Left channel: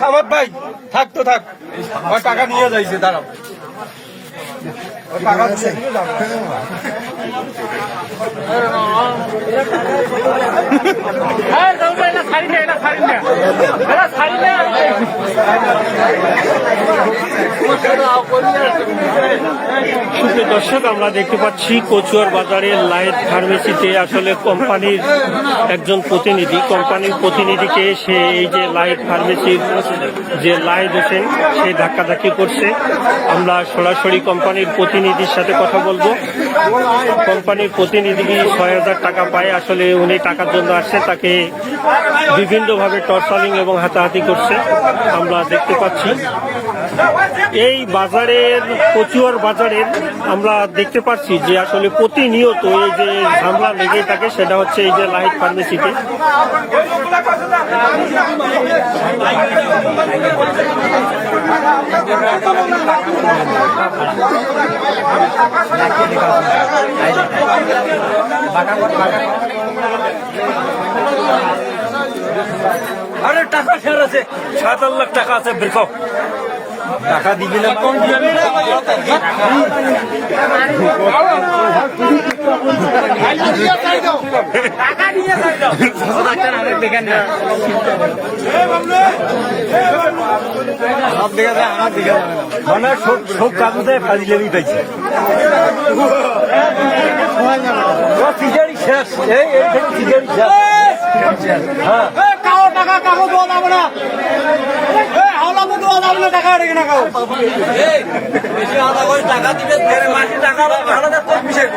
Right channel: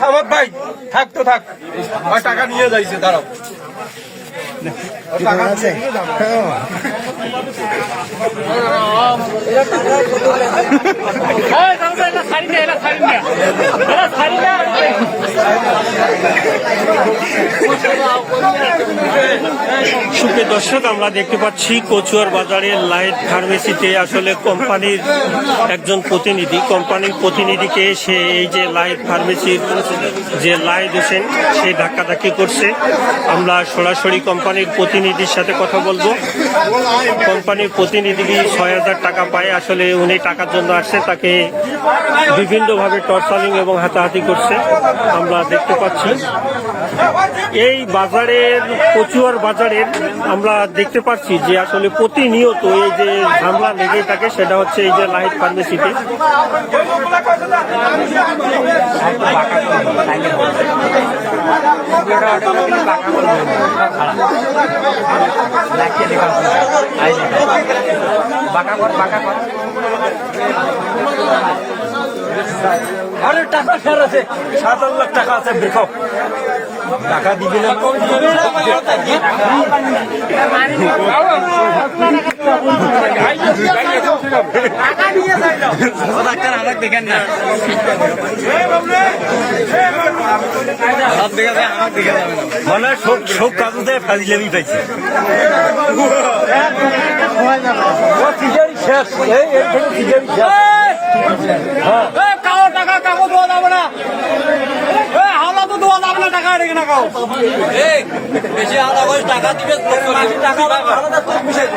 সামাদ ভাই থাক তো থাক, টাকা নিয়ে যাইছে, দাঁড়াও টাকা দিয়ে যাবো। সুপ্রিয় দর্শক, আমরা দেখতে পাচ্ছি কচুয়ার বাজারের লাইট ফার্মেসিতে আসলে কোম্পানির একজন প্রতিনিধি, কোম্পানির প্রতিনিধিকে সে এই যে লাইট ফার্মেসির যে লাইট হোসেন সে ধাক্কাধাক্কি করছে। আমরা সরাসরি কোম্পানির প্রতিনিধির সাথে কথা বলবো। কোম্পানির প্রতিনিধি ৬,০০০ টাকা পায়, আসলে উনি টাকার জন্য আসছে, তাকে বিভিন্নভাবে টর্চারিং এবং হাতাহাতি করছে আমরা দেখতে পাচ্ছি। এই বাজারের কচুয়ার বাজারের আমরা দেখতে পাচ্ছি যে আসলে প্রতিনিয়ত এই যে ঝামেলা লেগে থাকে, সেটা হচ্ছে এই যে লাইট ফার্মেসিতে। আরে টাকা খেয়াল আছে, ৭ লাখ টাকা আছে, দেখো টাকা দিবে না। ডাক্তার আমাকে দেখেন না, সব দেখে আমার দেখে মানে সব কাগজে ফাজিলেমি পাইছে। শেষ এই থেকে ফিজারি শেষ। হ্যাঁ টাকা কাগজ দেওয়া যাবে না, আলাদা দেওয়া যাবে না, টাকা রেখে না কাউ বেশি আলাদা করে টাকা দিবে, টাকা আলাদা বিষয়